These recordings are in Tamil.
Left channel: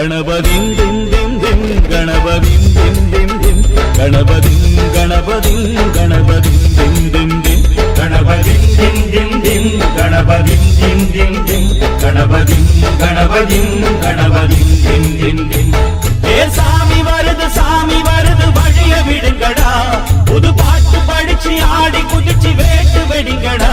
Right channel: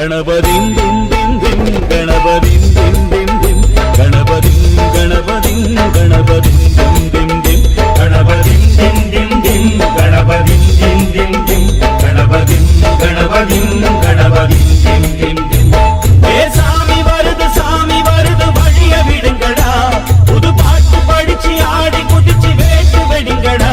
गणपतिं दिं दिं दिं गणपतिं दिं दिं दिं गणपतिं गणपतिं गणपतिं दिं दिं दिं गणपतिं दिं दिं दिं गणपतिं दिं दिं दिं गणपतिं गणपतिं गणपतिं दिं दिं दिं ஏ சாமி வருது வழிய விடுங்கடா புது பாட்டு படிச்சு ஆடி குதிச்சு வேட்டு வெடிங்கடா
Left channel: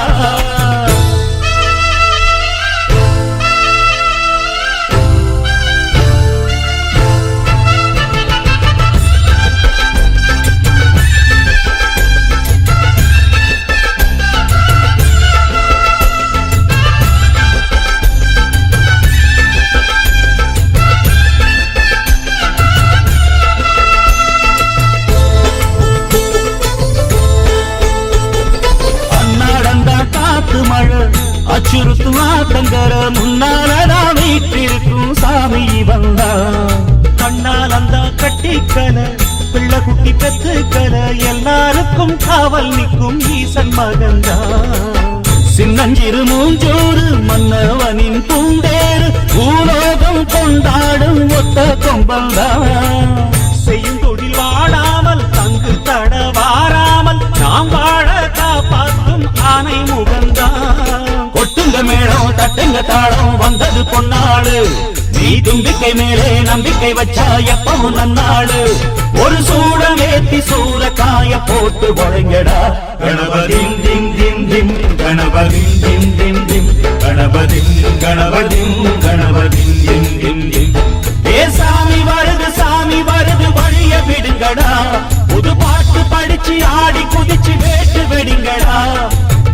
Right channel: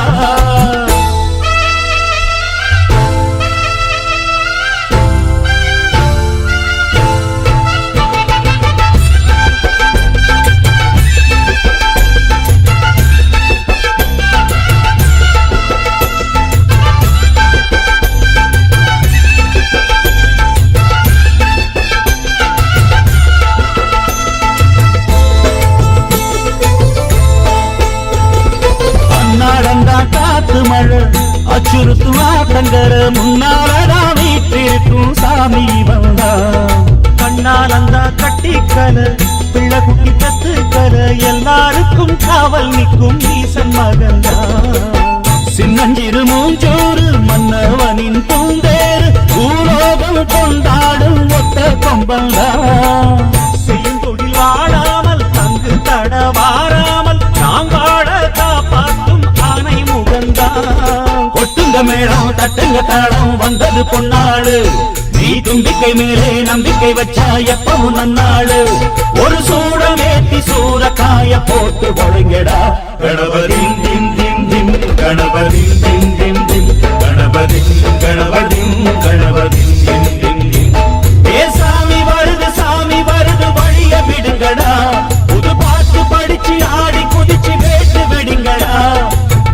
மழை அச்சுறுத்தும் ஆத்தங்கர முன்னாலதான் வீட்டிருக்கும் சாமி வந்தா கண்ணால் அந்த கட்டிக்கல பிள்ளை குட்டி பெத்துக்கல எல்லாருக்கும் காவல் நிற்கும் ஈசன் மகந்தா சின்னஞ்சிறு மூஞ்சோறு மன்னவனின் பூந்தேறு பூலோகம் கொண்டாடும் ஒத்த கொம்பந்தா செய்யும் தொழில் வாடாமல் தங்கு தட வாராமல் நாம் வாழ காப்பாற்றும் ஆனை முகந்தான் கொட்டுங்க மேளம் தட்டுங்க தாளம் வந்தது பொன்னாடு நீ தும்பிக்கை மேலே நம்பிக்கை வச்சா எப்பவும் நன்னாடு ஒரு சூடமேத்தி சூரக்காய போட்டு ஒழுங்கடா கணபதிம் திம் திம் திம் கணபதிம் திம் திம் திம் கணபதிம் கணபதிம் கணபதிம் திம் திம் திம் ஏ சாமி வருது வழிய விடுங்கடா புது பாட்டு படிச்சு ஆடி குதிச்சு வேட்டு வெடிங்கடா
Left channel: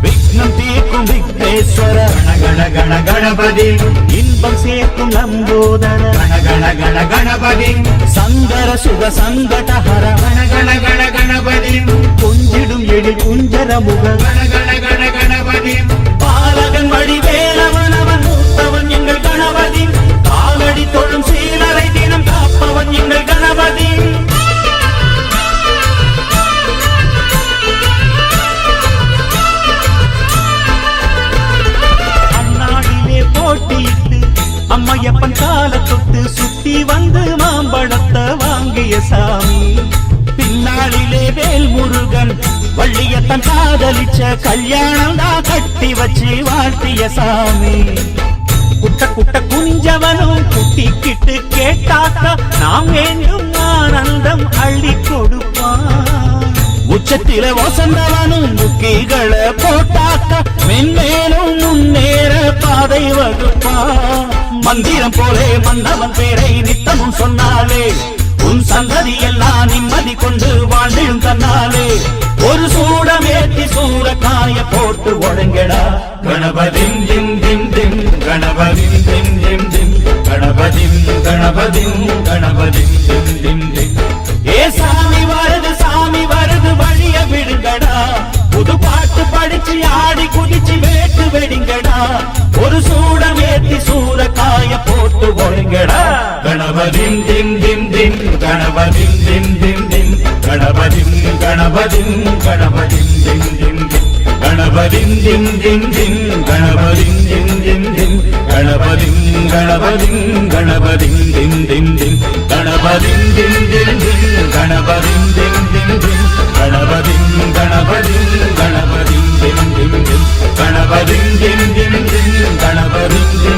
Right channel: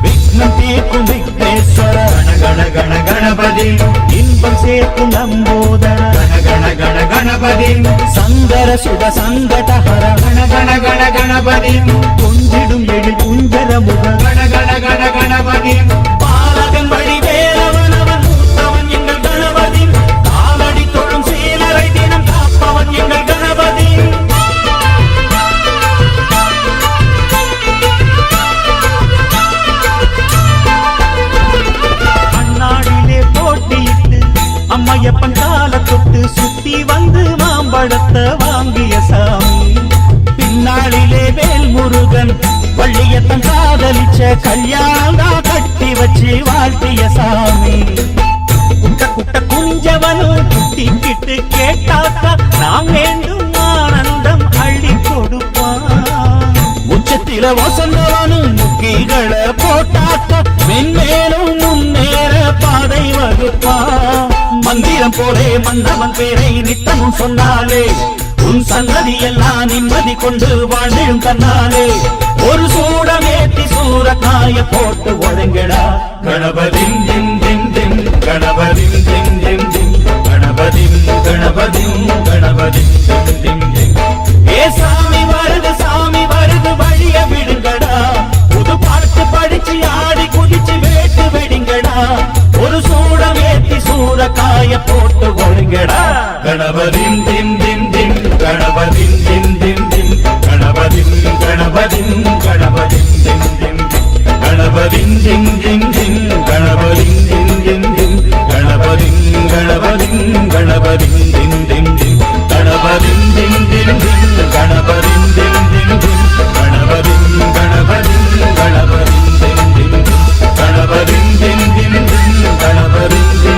விக்னம் தீர்க்கும் விக்னேஸ்வர கண கண கணபதி இன்பம் சேர்க்கும் லம்போதர கண கண கணபதி சங்கர சுக சங்கடஹர கண கண கணபதி கொஞ்சிடும் எழில் குஞ்சர முக கண கணபதி பாலகன் வழி வேலவன் அவன் மூத்தவன் எங்கள் கணபதி காலடி தொழும் சீலரை தினம் காப்பவன் எங்கள் கணபதி அண்ணாடிலே போட்டியிட்டு அம்மையப்பன் கால தொட்டு சுத்தி வந்து மாம்பழத்தை வாங்கிய சாமி பின்னாளிலே வேல் முருகன் வள்ளியத்தன் காதலிச்ச கல்யாணம் தான் கட்டி வச்சு வாழ்த்திய சாமி குட்ட குட்ட குனிஞ்சவனும் குட்டிக்கிட்டு கேட்டாக்கா நாம் வேண்டும் ஆனந்தம் அள்ளி கொடுப்பான் உச்சத்தில வசந்தவனும் முக்கிகளை போட்டாக்கா மென்மேலும் முன்னேற பாதை வகுப்பான் மந்திரம் போலே மன்னவன் பேரை நித்தமும் சொன்னாலே உன் சந்ததி எல்லாம் நிம்மதி கொண்டு வாழ்ந்திடும் தன்னாலே ஒரு சூடமேத்தி சூரக்காய போட்டு ஒழுங்கடா கணபதிம் திம் திம் திம் கணபதிம் திம் திம் திம் கணபதிம் கணபதிம் கணபதிம் திம் திம் திம் ஏ சாமி வருது வழிய விடுங்கடா புது பாட்டு படிச்சு ஆடி குதிச்சு வேட்டு வெடிங்கடா ஒரு சூடமேத்தி சூரக்காய போட்டு ஒழுங்கடா கணபதிம் திம் திம் திம் கணபதிம் திம் திம் திம் கணபதிம் கணபதிம் கணபதிம் திம் திம் திம் கணபதிம் திம் திம் திம் கணபதிம் திம் திம் திம் கணபதிம் கணபதிம் கணபதிம் திம் திம் திம் கணபதிம் திம் திம் திம் கணபதிம் திம் திம் திம் கணபதிம் கணபதிம் கணபதிம் திம் திம் திம் கணபதிம் திம் திம் திம் கணபதிம்